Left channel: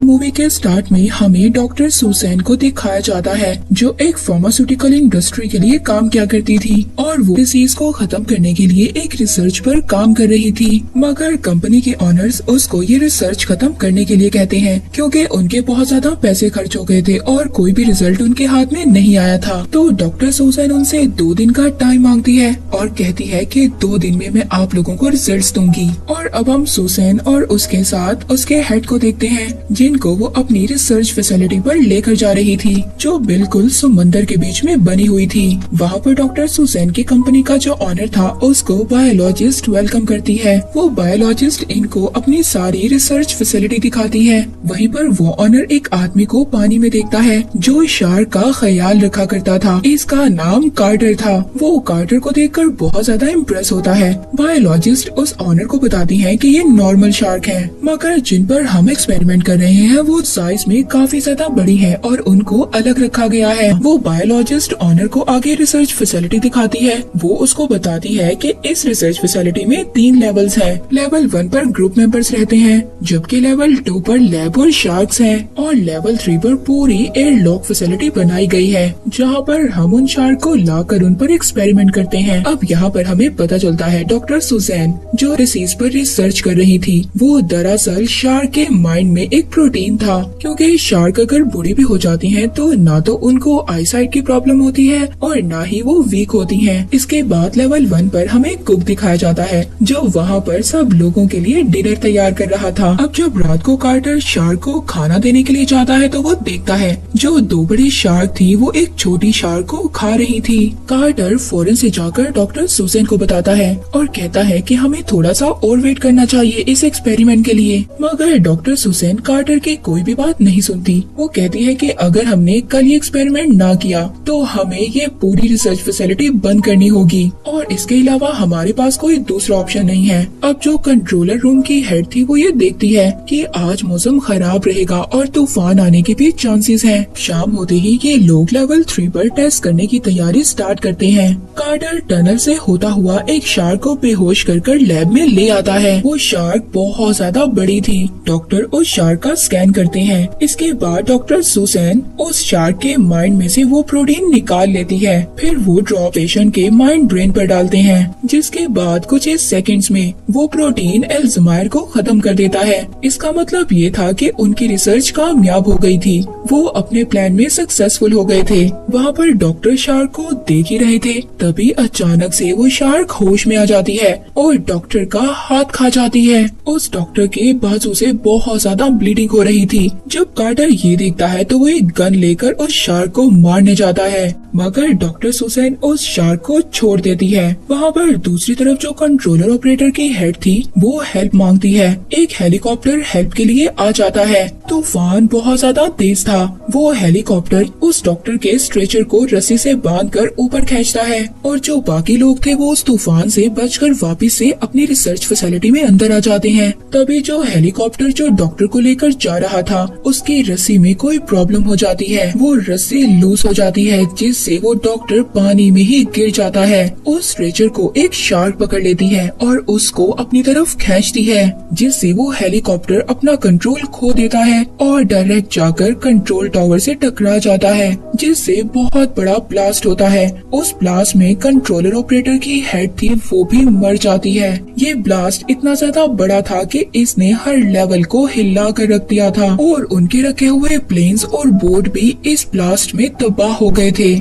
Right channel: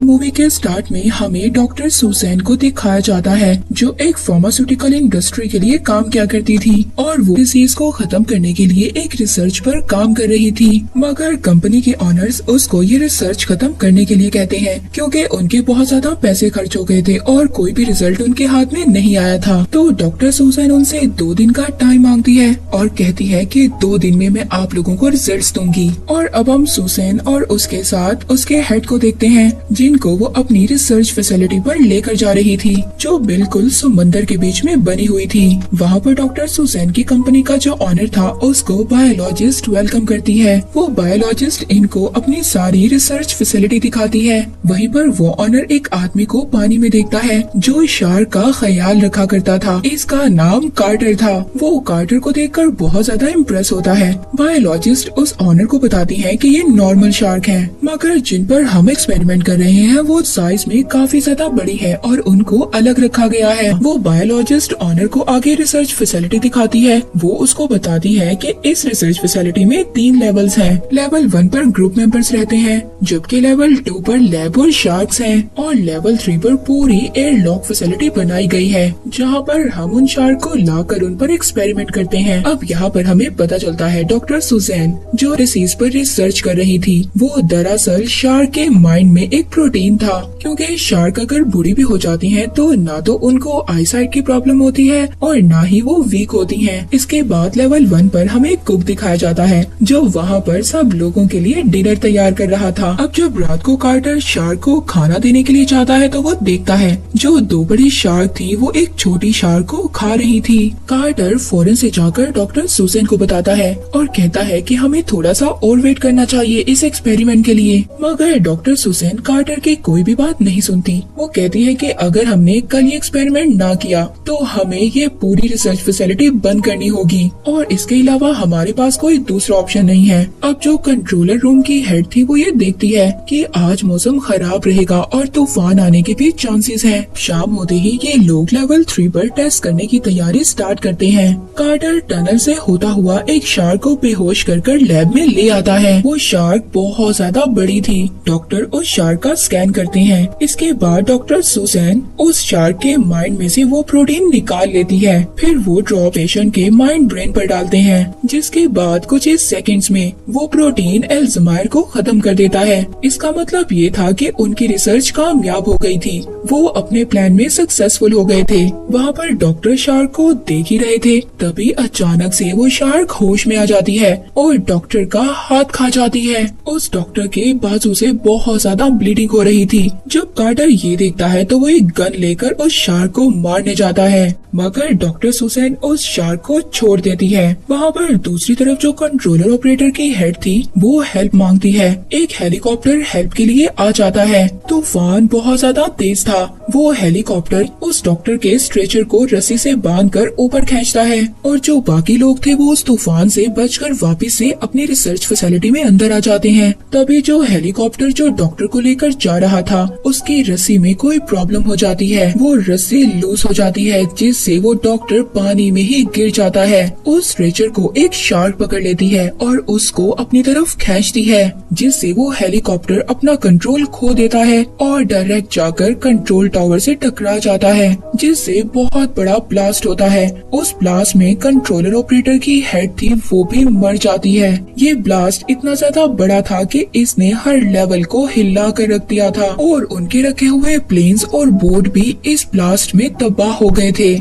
Movie के start में हमें डॉक्टर सुसैन को दिखाया जाता है जो एक फार्मास्यूटिकल इंडस्ट्री के लिए काम किया करती थी और वो डिसीज को खत्म करने के लिए एक रिसर्च पर काम कर रही थी। मगर कंपनी के ऑनर्स उसको ये रिसर्च खत्म करने के लिए कहते हैं क्योंकि उनके बहुत ज्यादा पैसे खर्च हो गए थे और कोई भी रिजल्ट उनके हाथ में नहीं आया था। तो डॉक्टर सुसैन उनसे 2 दिन का टाइम मांगती है और कहती है कि 2 दिन में मैं आप लोगों को रिजल्ट दूंगी। और अब हम सुसैन और उसके साथ उसके हेड को देखते हैं जिनको वो अपनी रिसर्च फैसिलिटी पर लेकर जा रही थी जो बिल्कुल समंदर के बीच में बनी हुई थी। वहाँ पर डॉक्टर सुसैन की कंपनी का जो ऑनर था उसको बायोलॉजिस्ट वेलकम करती है। वो बायोलॉजिस्ट इनको अपनी सारी रिसर्च फैसिलिटी दिखाती है। वहीं पर वो ऑनर एक आदमी को पानी में देखता है जो शार्क का ख्याल रखा करता था। इसका नाम कार्टर था। वो कार्टर को देखकर बहुत ज्यादा इम्प्रेस होता है। बायोलॉजिस्ट उस ऑनर को बताती है कि ये नॉर्मल शार्क है मगर जिन पर हम एक्सपेरिमेंट कर रहे हैं वो साइज में काफी ज्यादा बड़ी है और उनको अलग रखा गया है। वो बायोलॉजिस्ट ऑनर को आगे रिसर्च फैसिलिटी दिखाती है। वो उसको बताती है कि इस रिसर्च फैसिलिटी में 3 लेवल्स हैं। लेवल 1 पर ग्रुप मेंबर्स रहते हैं जबकि लेवल 2 पर लैब और शार्क्स हैं और लेवल 3 पर पूरी एयर लॉक फैसिलिटी बनाई गई है जहाँ पर हम उन शार्क को लाकर उन पर एक्सपेरिमेंट करते हैं। अब यहाँ पर हमें पता चलता है डॉक्टर सुसैन जो डिसीज पर रिसर्च कर रही थी वो दरअसल शार्क के माइंड में एक प्रोटीन था क्योंकि शार्क अगर बूढ़ी भी हो जाती हैं तो ना तो उनको आईसाइट की प्रॉब्लम होती है और ना ही वो वीक होती हैं। इसके बाद लेवल 1 पर हमें कुक दिखाया जाता है जो वहाँ पर सब लोगों के लिए डिनर तैयार कर रहा था। अब जब रात को कार्टर शार्क को खाना देने के लिए जाता है तो वो देखता है जो 2 बड़ी शार्क थी वो एक छोटी शार्क को खा रही थी। कार्टर फौरन से जाकर डॉक्टर सुसैन को बताता है और कहता है कि हमें थोड़ा सा और वेट करना चाहिए इस एक्सपेरिमेंट के लिए। मगर डॉक्टर सुसैन कार्टर की कोई भी बात नहीं सुनती। वो कहती है कि अगर हमने कल ये एक्सपेरिमेंट ना किया तो हमें ये पूरी रिसर्च फैसिलिटी बंद करनी होगी और इसके अलावा हमारे पास कोई दूसरा ऑप्शन नहीं है। अब जो कंट्रोलर रूम की हेड थी वो ये देखती है कि आज मौसम खराब रहेगा और तूफान आने के भी चांसेस हैं। शाम होते ही ये लोग लेवल 3 पर टेस्ट करने की तैयारी स्टार्ट करते हैं। कार्टर टनल से होता हुआ एक शार्क को बेहोश कर लैब में ले आता है। वो शार्क बहुत ज्यादा बड़ी थी। डॉक्टर उस शार्क का स्कैन करते हैं। इसके बाद डॉक्टर सुसैन उस शार्क के माइंड में से वो प्रोटीन निकाल लेती है। फिर वो ड्रॉप पेशेंट के माइंड ब्रेन पर डालते हैं जिसके बाद कुछ ही सेकंड्स में वो प्रोटीन अल्जाइमर को खत्म कर देता है। इसका मतलब ये था कि उनकी रिसर्च कामयाब हो गई थी। वो अपने प्लान में सक्सेसफुल हो गए थे। वहाँ पर डॉक्टर शार्क को देख ही रहे थे तभी अचानक से वो शार्क होश में आ जाती है और डॉक्टर का हाथ खा जाती है। उस डॉक्टर के बाजू से बहुत ज्यादा ब्लीडिंग हो रही थी। जब कार्टर ये देखता है तो वो एक गन लेकर उस शार्क को मारने जाता है मगर डॉक्टर सुसैन उस शार्क को छोड़ देती है। वहाँ पर दूसरी तरफ जो कंट्रोलर ऑपरेटर की हेड थी वो हेल्प मांगती है। एक हेलीकॉप्टर हेल्प के लिए आ जाता है। तूफान बहुत ज्यादा तेज था। वो हेलीकॉप्टर उस डॉक्टर के स्ट्रेचर को रस्सी से बांधकर ऊपर खींचता है और जो बाकी लोग थे वो उस तूफान से बचकर वापस से अपनी रिसर्च फैसिलिटी में अंदर आ जाते हैं। तभी जो हेलीकॉप्टर जो डॉक्टर को लेकर जा रहा था उसकी रस्सी में कोई प्रॉब्लम हो जाती है। वो रस्सी लूज हो जाती है जिससे वो डॉक्टर पानी में ही गिर जाता है। उस स्ट्रेचर को एक शार्क पकड़ लेती है और उसको अपनी तरफ खींचती है जिससे वो हेलीकॉप्टर अपना कंट्रोल खो देता है और डायरेक्ट जाकर कंट्रोल टावर से टकरा जाता है जिससे बहुत बड़ा ब्लास्ट होता है। उस ब्लास्ट में कंट्रोलर ऑपरेटर की हेड थी वो भी मर जाती है। ये ब्लास्ट इतना ज्यादा बड़ा था कि इसने हर लेवल को हिला कर रख दिया था और उनके रखे हुए प्लेन्स और बोट भी इस ब्लास्ट में तबाह हो गए थे।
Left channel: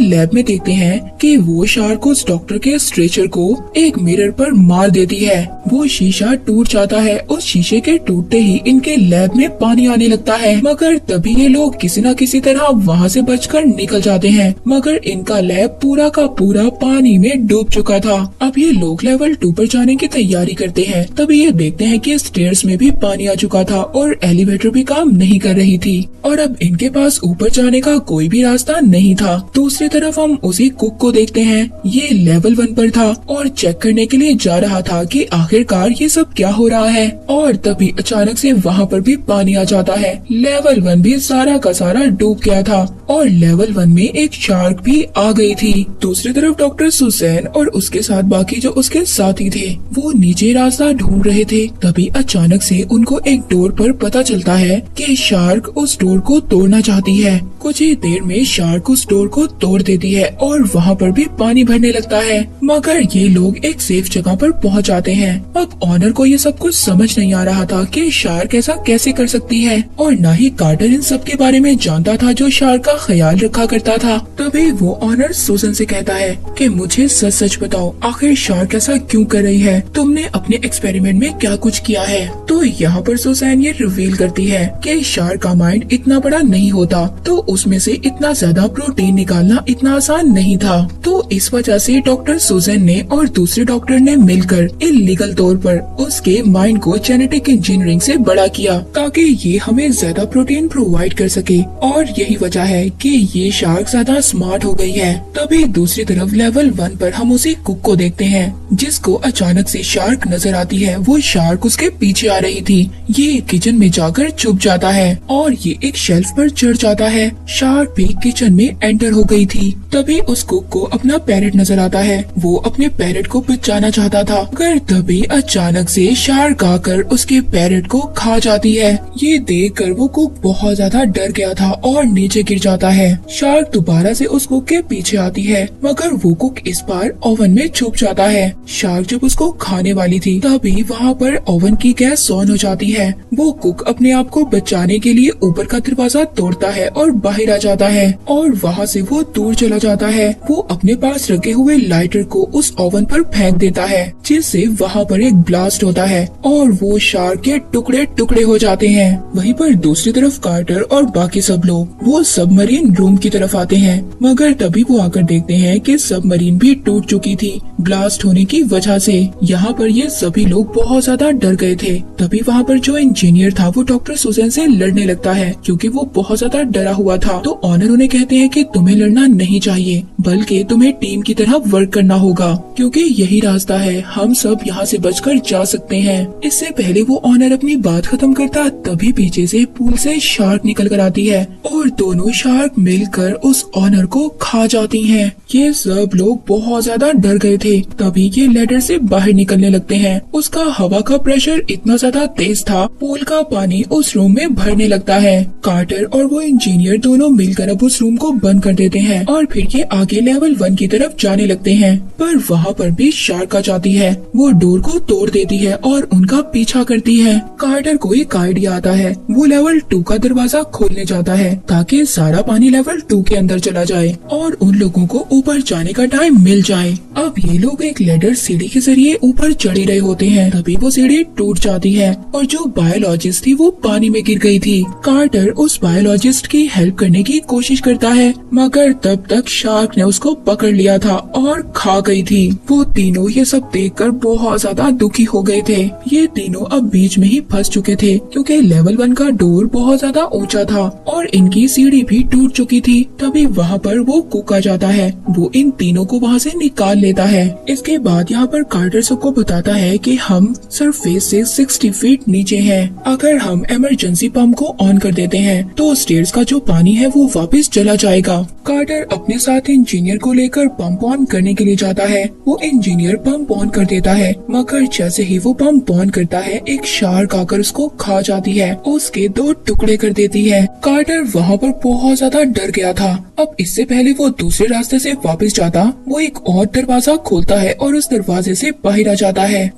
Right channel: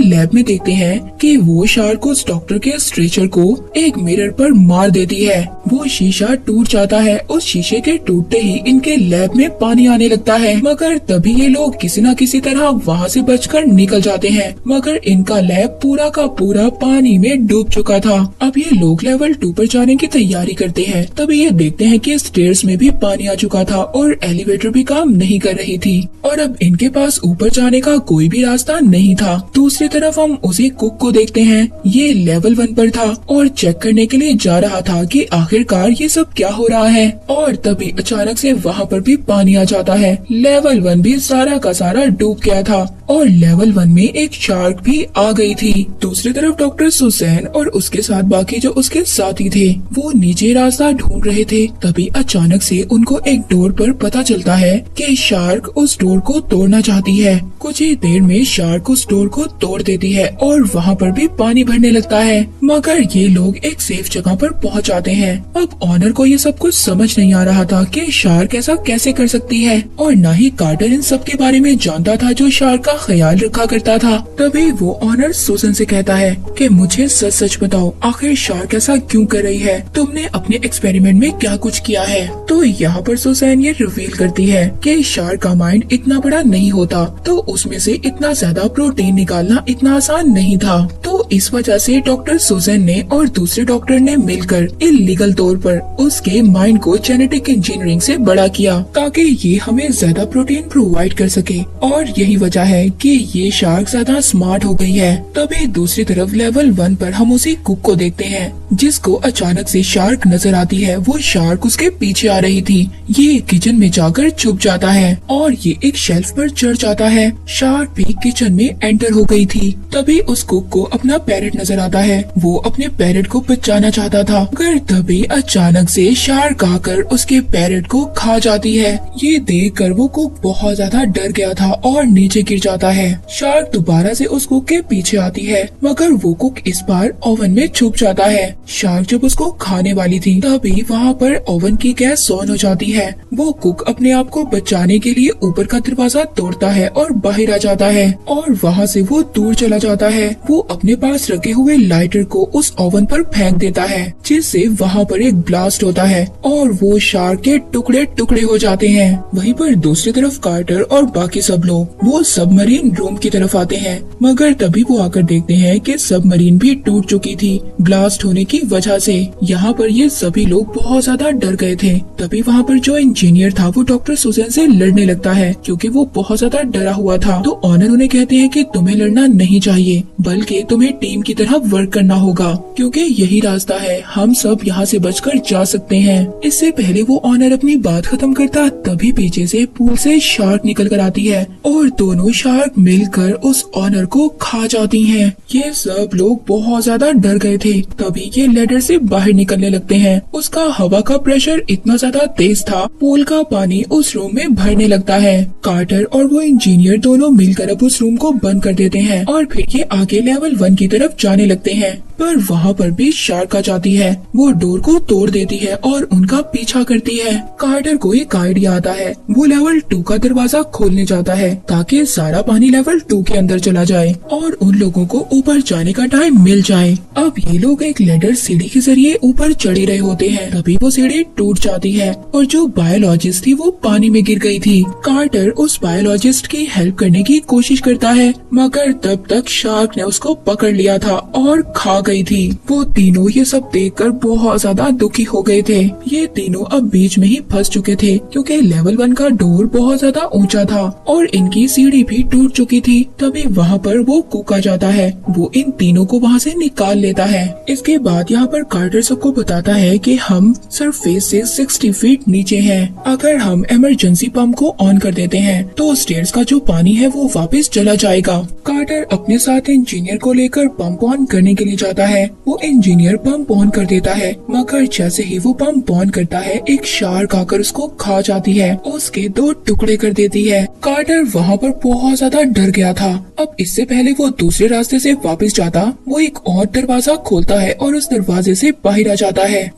लैब में देखते हैं कि वो शार्क उस डॉक्टर के स्ट्रेचर को एक मिरर पर मार देती है। वो शीशा टूट जाता है। उस शीशे के टूटते ही इनके लैब में पानी आने लगता है मगर तभी ये लोग किसी न किसी तरह वहाँ से बचकर निकल जाते हैं मगर इनका लैब पूरा का पूरा पानी में डूब चुका था। अब ये लोग लेवल 2 पर जाने की तैयारी करते हैं तभी ये देखते हैं कि स्टेयर्स में भी पानी आ चुका था और एलिवेटर भी काम नहीं कर रही थी और अब इनके पास ऊपर जाने का कोई भी रास्ता नहीं था। दूसरी दूसरी तरफ हम उसी कुक को देखते हैं। ये लेवल 1 पर था और चेक करने के लिए जा रहा था कि आखिरकार ये सब क्या हो रहा है, और तभी अचानक से वहाँ पर भी पानी आ जाता है। लेवल 1 भी सारा का सारा डूब गया था और लेवल 1 में एक शार्क भी आ गई थी। दूसरी तरफ डॉक्टर सुसैन और उसके साथ बाकी जो उसके साथी थे वो नीचे रास्ता ढूंढ रहे थे। तभी अचानक से उनको एक डोर पर पता चलता है कि शार्क उस डोर को तोड़ना चाहती है। कुछ ही देर में शार्क उस डोर को तोड़ देती है और वहाँ पर भी पानी भरने लगता है, मगर ये लोग एक सेफ जगह पर पहुँच जाते हैं। अब ऑनर को ये सब कुछ समझ नहीं आ रहा था कि शार्क ऐसा कैसे कर सकती है, और न ही कार्टर इन सब के बारे में जानता था जो शार्क का ख्याल रखा करता था। तभी वो ऑनर सुसन से कहता है कि मुझे सच सच बताओ, आखिर शार्क ऐसा क्यों कर रही है, तुमने अपने एक्सपेरिमेंट में क्या कुछ किया है। तो यहाँ पर सुसैन ये रिवील करती है कि शार्क का माइंड इतना बड़ा नहीं होता, तो उसमें से इतना ज्यादा प्रोटीन निकालना इतना आसान नहीं था। तो इस वजह से डॉक्टर सुसैन ने और दूसरे डॉक्टर ने मिलकर इल्लीगल तौर पर उसके माइंड को जेनेटिक इंजीनियरिंग से बड़ा किया ताकि ये हमें ज्यादा प्रोटीन प्रोवाइड कर सके, और यही वजह है कि ये शार्क ज्यादा स्मार्ट हो गई है। तभी दूसरी तरफ लेवल 1 पर हम उसी कुक को देखते हैं जिसको अचानक से शार्क नजर आती है। वो शार्क उसके पीछे आ रही थी। ये किचन में जाकर छुप जाता है और ये एक शेल्फ पर चढ़ जाता है। शार्क भी किचन में एंटर हो गई थी। तभी उस कुक को अपना पैरेट नजर आता है। वो अपने पैरेट को बचाना चाहता था, मगर तभी अचानक से शार्क आकर उसके पैरेट को खा जाती है। ये देखकर वो कुक बहुत ज्यादा डर गया था और नीचे गिर जाता है। शार्क दोबारा से उस कुक के पीछे आती है, मगर वो कुक इस बार ओवन में छुप जाता है। शार्क जब उसको खाने वाली थी तभी वहाँ पर ओवन की गैस ऑन हो जाती है। वो कुक अपने आप को बचाने के लिए ऊपर का दरवाजा तोड़ता है और बाहर आ जाता है, और वहाँ से वो दूर चला जाता है। वो अपने पास रखे हुए लाइटर को उस ओवन पर फेंक देता है, जिससे वहाँ पर एक ब्लास्ट होता है और वो शार्क के टुकड़े टुकड़े हो जाते हैं। वहीं पर दूसरी तरफ कार्टर और बाकी सब लोग वो सबमरीन रूम की तरफ आते हैं, मगर तभी वो आकर देखते हैं कि सबमरीन भी टूट चुकी थी ब्लास्ट होने की वजह से। यहाँ पर ये सभी लोग बहुत ज्यादा डर गए थे। तभी वहाँ पर जो इंजीनियर था वो डॉक्टर सुसैन से लड़ने लगता है क्योंकि वो बहुत ज्यादा डरा हुआ था। तो ऑनर उन्हें कहते हैं कि तुम्हें लड़ना नहीं चाहिए, बल्कि तुम्हें टीम की तरह वर्क करना होगा, क्योंकि यही रास्ता है, हम सब यहाँ से बचकर जा सकते हैं। इससे पहले वो ऑनर अपनी बात खत्म करता तभी पीछे से पूल से शार्क निकल कर आती है और दोनों शार्क मिलकर उस ऑनर को खा जाती हैं। ये सब लोग बहुत ज्यादा डर गए थे। तभी ये लेडर से बाहर निकलने लगते हैं। उसका हवा का प्रेशर इतना ज्यादा तेज था, पूल का पानी उस रूम में भरने लगता है। कार्टर और वो इंजीनियर दोनों मिलकर अब उस रूम को बंद कर देते हैं और फिर ये आगे लेवल 1 की तरफ जाने लगते हैं, पर वहाँ पर भी शार्क आ जाती है। वो डोर को तोड़ देती है और उनका पीछा करती है। कार्टर को एक आइडिया आता है। वो लेवल 2 का दरवाजा खोलने जाता है ताकि सारा पानी लेवल 2 के अंदर चला जाए और उन लोगों को ऊपर जाने का टाइम मिल जाए। अब ये लोग एक लेडर सीढ़ी के जरिए ऊपर चढ़ रहे होते हैं, तभी वो सीढ़ी टूट जाती है और जो बायोलॉजिस्ट थी वो पानी में गिर गई थी। कार्टर उस बायोलॉजिस्ट की हेल्प करने की कोशिश करता है, मगर तब तक शार्क ने उसको पकड़ लिया था और खा गई थी। वो तीनों ये सब देखकर बहुत ज्यादा दुखी हो गए थे। ये तीनों अब बीच में ही फंस चुके थे क्योंकि लेवल 1 का डोर बहुत ज्यादा ऊंचा था और इनकी सीढ़ी भी टूट चुकी थी। तभी वहाँ पर वो कुक आ जाता है। वो इन तीनों को वहाँ से निकाल लेता है। इसके बाद यहाँ पर कार्टर सबको बताता है कि हम सरफेस से 60 फीट नीचे हैं। अगर हम इमरजेंसी पंप को ऑन कर देते हैं तो स्टेयर्स का जो पानी है वो वापस चला जाएगा। कार्टर अपने साथ इंजीनियर को लेकर पंप ऑन करने के लिए जाता है। वो इंजीनियर पंप ऑन कर देता है, मगर जैसे ही वो पंप ऑन करता है एक शार्क आकर उसको खा जाती है, उसके 2 टुकड़े कर देती है। कार्टर वहाँ पर बहुत ज्यादा डर गया था। अब इससे पहले वो दूसरे रास्ते से वापस जाता, वो एक और दरवाजा खोलता है और उस दरवाजे से बाहर आ जाता है।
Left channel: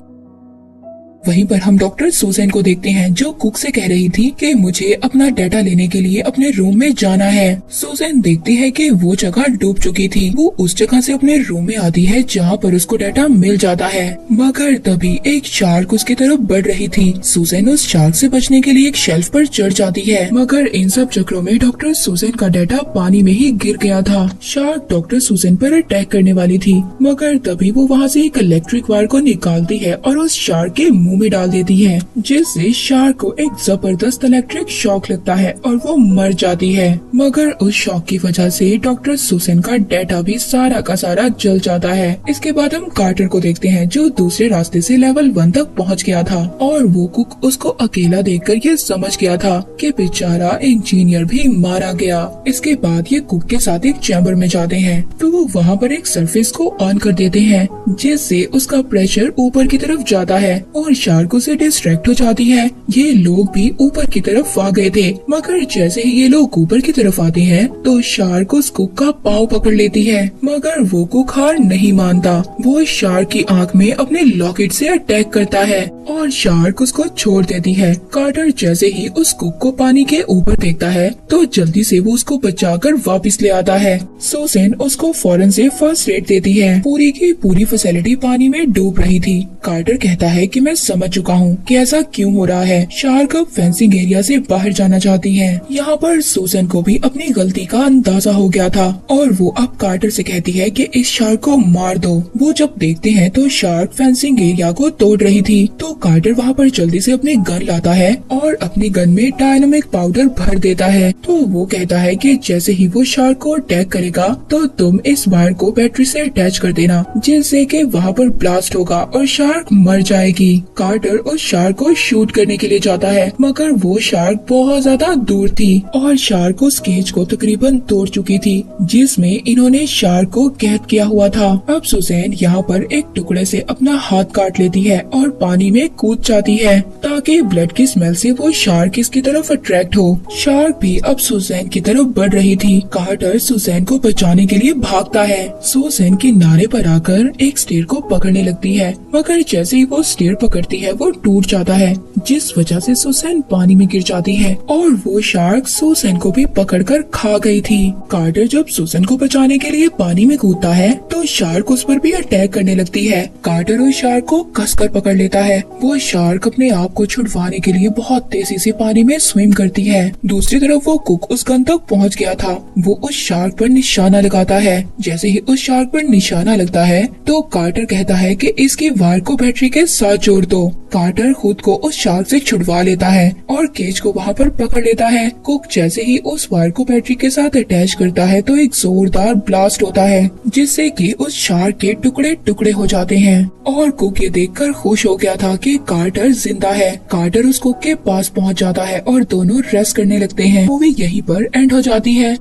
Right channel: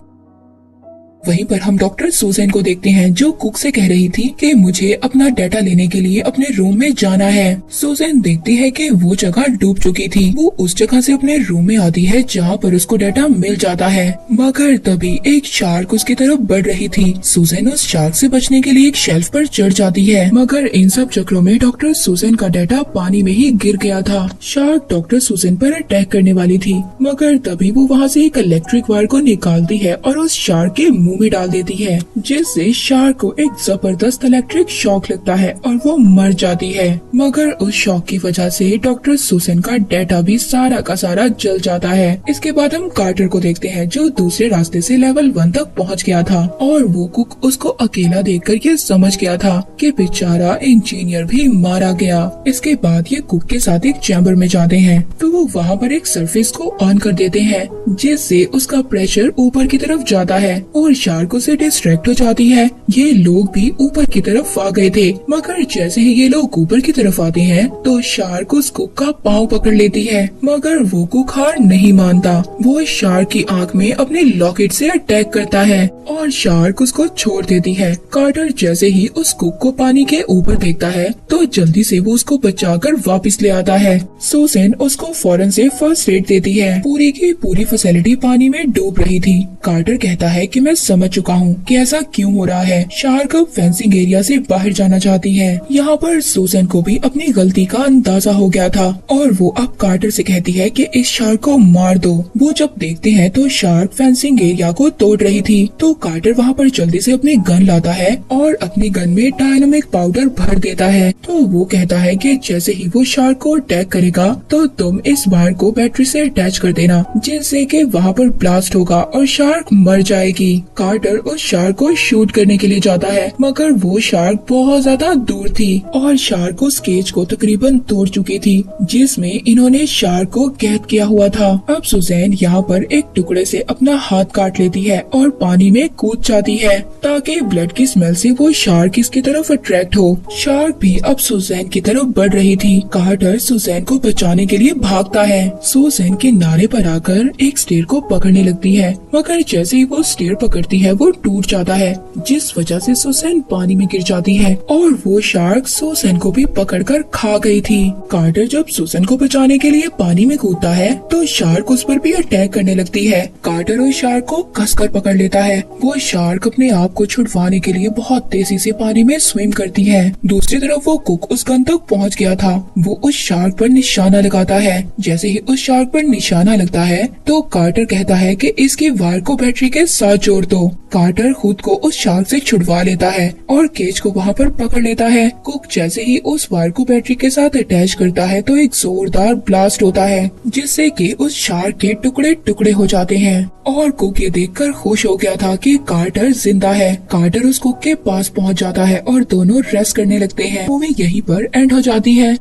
वहीं पर हम डॉक्टर सुसैन को देखते हैं जो कुक से कह रही थी कि मुझे अपना डाटा लेने के लिए अपने रूम में जाना है। सुसैन देखती है कि वो जगह डूब चुकी थी। वो उस जगह से अपने रूम में आती है जहाँ पर उसको डाटा मिल जाता है, मगर तभी एक शार्क उसकी तरफ बढ़ रही थी। सुसैन उस शार्क से बचने के लिए एक शेल्फ पर चढ़ जाती है, मगर इन सब चक्रों में डॉक्टर सुसैन का डाटा पानी में ही गिर गया था। शार्क डॉक्टर सुसैन पर अटैक करने वाली थी, मगर तभी वो वहाँ से एक इलेक्ट्रिक वायर को निकालती है और उस शार्क के मुंह में डाल देती है, जिससे शार्क को एक जबरदस्त इलेक्ट्रिक शॉक लगता है और वो मर जाती है। मगर उस शॉक की वजह से डॉक्टर सुसन का डेटा भी सारा का सारा जल जाता है। इसके बाद हम कार्टर को देखते हैं, जो दूसरे रास्ते से लेवल 1 तक पहुंच गया था और वो कुक उसको अकेला देखकर ये समझ गया था कि बेचारा इंजीनियर भी मारा गया। इसके बाद ये कुक के साथ एक चैम्बर में जाते हैं, तो वो वहाँ पर एक सरफेस को ऑन कर देते हैं, जिससे उसका प्रेशर ऊपर की तरफ जाता है और शार्क उसे डिस्ट्रैक्ट हो जाती है। ये लोग भी ऊपर की तरफ आ गए थे, मगर जैसे ही ये लोग ऊपर की तरफ आते हैं तो शार्क उस कुक का पाँव पकड़ लेती है, मगर वो कुक हार नहीं मानता। वो शार्क की आंख में अपने लॉकेट से अटैक करता है और शार्क उसको छोड़ देती है। कार्टर जैसे ही उस कुक को पानी के ऊपर देखता है तो जल्दी से वो उसको बचाकर वापस ले आता है। सुसन उसको फौरन से फर्स्ट एड देती है। पूरी की पूरी फैसिलिटी पानी में डूब रही थी। कार्टर कहता है कि मैं समझ चुका हूँ कि ऐसा क्यों हो रहा है। शार्क अब फेंसिंग एरिया से बाहर जाना चाहती है। यहाँ पर सुसन को भी अपनी गलती का अंदाजा हो गया था और वो अब कार्टर से कहती है कि इस शार्क को मार दो। वो जब देखते हैं तो शार्क फेंसिंग एरिया को तोड़ रही थी, तो कार्टर वहाँ पर जल्दी से अपनी गन लाता है और अपनी गन में डायनामिक पाउडर भर देता है। तो वो कहता है कि जैसे ही वो शार्क को अटैक करेगा तो तुम इस वायर को बैटरी से अटैच कर देना, जिससे कि वहाँ पर ब्लास्ट होगा और शार्क मर जाएगी। कार्टर उस शार्क को शूट करने के लिए जाता है, मगर वो शार्क बहुत ज्यादा दूर थी और शार्क उस केज को तकरीबन तोड़ चुकी थी, जिसमें इन्होंने शार्क को कैद किया हुआ था। अब सुजैन यहाँ पर एक टुकड़े से अपना हाथ काट लेती है और पानी में कूद जाती है, ताकि ब्लड की स्मेल से वो शार्क इसकी तरफ अट्रैक्ट हो। शार्क भी अब सुजैन की तरफ बढ़ रही थी। कार्टर सुजैन को बचाने के लिए भागता है। सुजैन किनारे पर आकर एक स्टेयर को पकड़ने लगती है, मगर जैसे ही वो स्टेयर पकड़ती है वो टूट जाता है, जिस वजह से सुजैन पानी में गिर जाती है और वो शार्क सुजैन को भी पकड़कर खा गई थी। कार्टर जब सुजैन को बचाने के लिए पानी में कूदता है तो शार्क उस पर भी अटैक करने लगती है। कार्टर उस शार्क को कसकर पकड़ लेता है। वो शार्क अपने आप को छुड़वाने के लिए बहुत तेजी से पानी में स्विम करती है। दूसरी तरफ वो कुक उस गन तक पहुंच गया था। वो उस शार्क पर निशाना लगाता है। जैसे ही उस शार्क पर निशाना लगता है तो कार्टर कहता है कि इसके वायर को बैटरी के साथ जोड़ दो। कार्टर खुद को उस शार्क से छुड़वा लेता है और केज को वहाँ पर पकड़ लेता है। कुक जैसे ही उस वायर को बैटरी के साथ अटैच करता है तो एक जोरदार ब्लास्ट होता है, जिससे कि उस शार्क के टुकड़े टुकड़े हो जाते हैं और कुक ये देखकर खुश हो गया था कि कार्टर जिंदा है। कार्टर उस कुक के पास पहुंच जाता है और दोनों रेस्ट करने लगते हैं। मूवी यहीं पर एंड हो जाती है।